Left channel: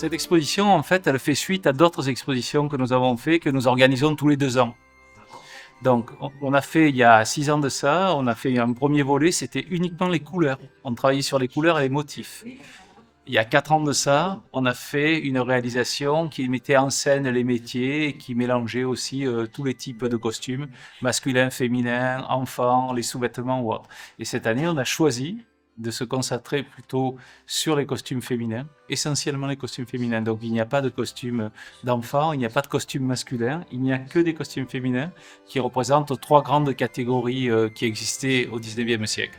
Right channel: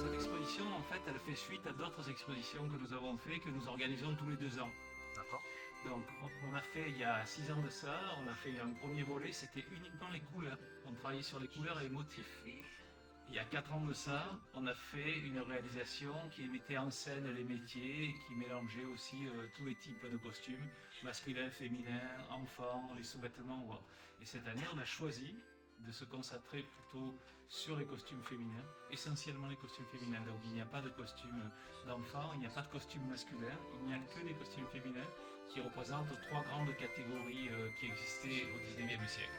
Cette exposition, en fait, elle fait suite à d'autres expositions que nous avons fait, que nous organisons tous les 2 ans. Donc, on a fait, il y a 6 ans de ça, on a fait un premier volet, c'était uniquement les couleurs. On travaillait sur les couleurs et les motifs. Il y a 4 ans de ça, on a fait une réalisation qui mettait en scène les métiers et qui mélangeait aussi tous les types de costumes, masculins, féminins, enfants, les sous-vêtements ou autres. Et cette année, on a choisi de se concentrer plutôt sur les costumes féminins, essentiellement les costumes féminins. Donc il n'y a pas de costumes d'enfants, il n'y a pas de costumes masculins, il n'y a que des costumes féminins qui représentent 3 grandes catégories qui existaient au XIXe siècle.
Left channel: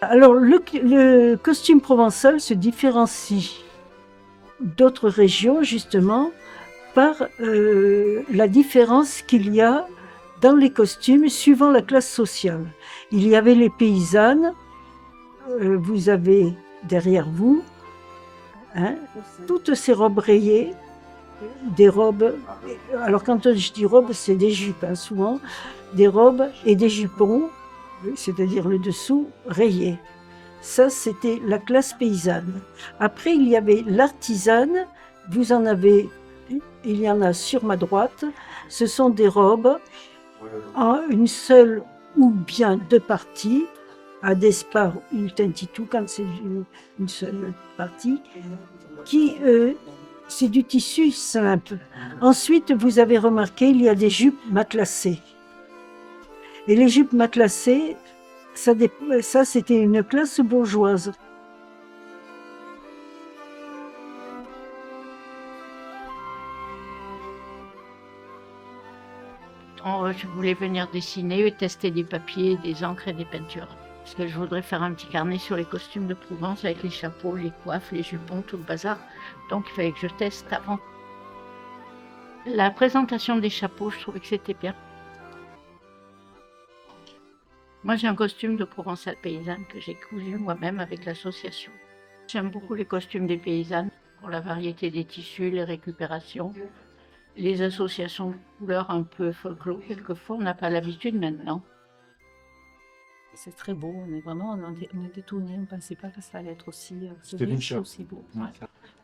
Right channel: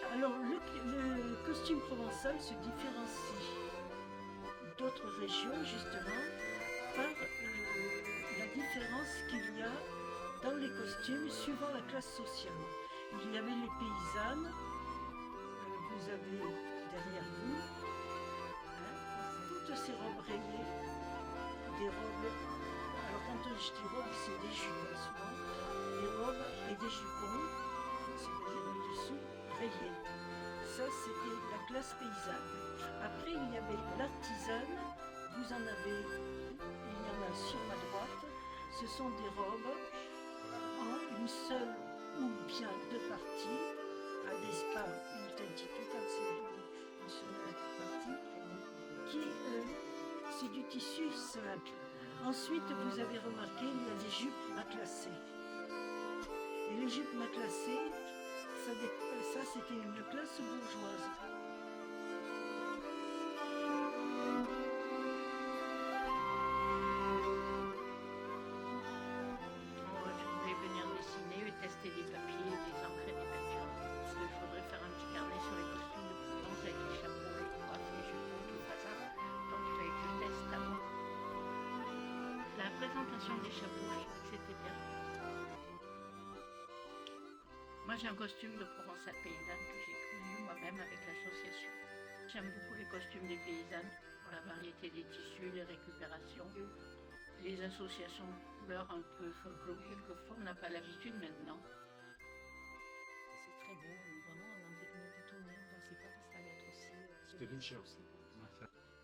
Alors, le costume provençal se différencie d'autres régions, justement, par la différence qu'il y a dans les costumes suivant la classe sociale. Il y avait les paysannes, vous avez derrière vous, hein, toutes ces robes rayées, des robes, alors quand je dis robes, c'est des jupes, hein, souvent, des robes et des jupons, c'est-à-dire le dessous rayé. Ça, c'était la classe paysanne. Après, il y avait l'artisane. Vous en avez, il y en a sur ma droite. Ce sont des robes en une seule ou bien 2 parties, à despar ou tentitou quand c'est une seule partie, qui c'est du tissu simple. Ensuite, vous avez remarqué, il y a des jupes matelassées. Et les jupes matelassées, ça c'était une classe bourgeoise. Je voulais venir dessiner et tester des papiers, des encres et des peintures. Parce que je voudrais faire un petit carnet sur les costumes de Provence avec les chapeaux, les coiffes, les jupons, tout le bazar. Donc il fallait que je teste avant. La présentation des chapeaux, je trouvais que c'était bien. Moi j'ai un costume de Provençale paysanne que j'ai cousu moi-même avec l'association. J'aime beaucoup les costumes des paysannes pour la variété des tissus, les récupérations. Les associations de couleurs un peu folklore, quelquefois, on n'a pas l'habitude maintenant. C'est très beau, on est étonnés, on ne pensait pas que ça allait être aussi riche, aussi beau. Ouais.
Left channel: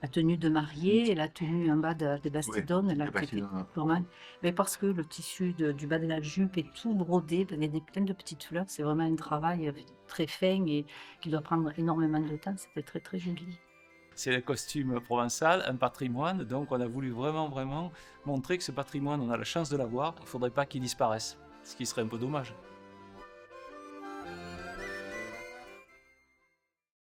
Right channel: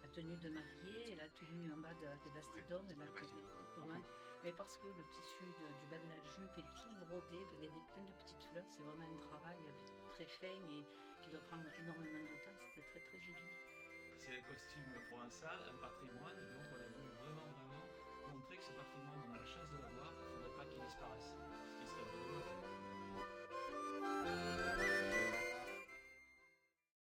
La tenue de mariée et la tenue en bas de Bastidonne, elle a été vraiment. Mais parce que le tissu du bas de la jupe est tout brodé, il y a plein de petites fleurs, c'est vraiment un travail très fin et qui doit prendre énormément de temps, c'était très très joli. C'est le costume provençal, un patrimoine, donc on a voulu vraiment montrer que ce patrimoine, on a la chance de l'avoir, il ne faudrait pas qu'il disparaisse, ce qui serait un peu dommage.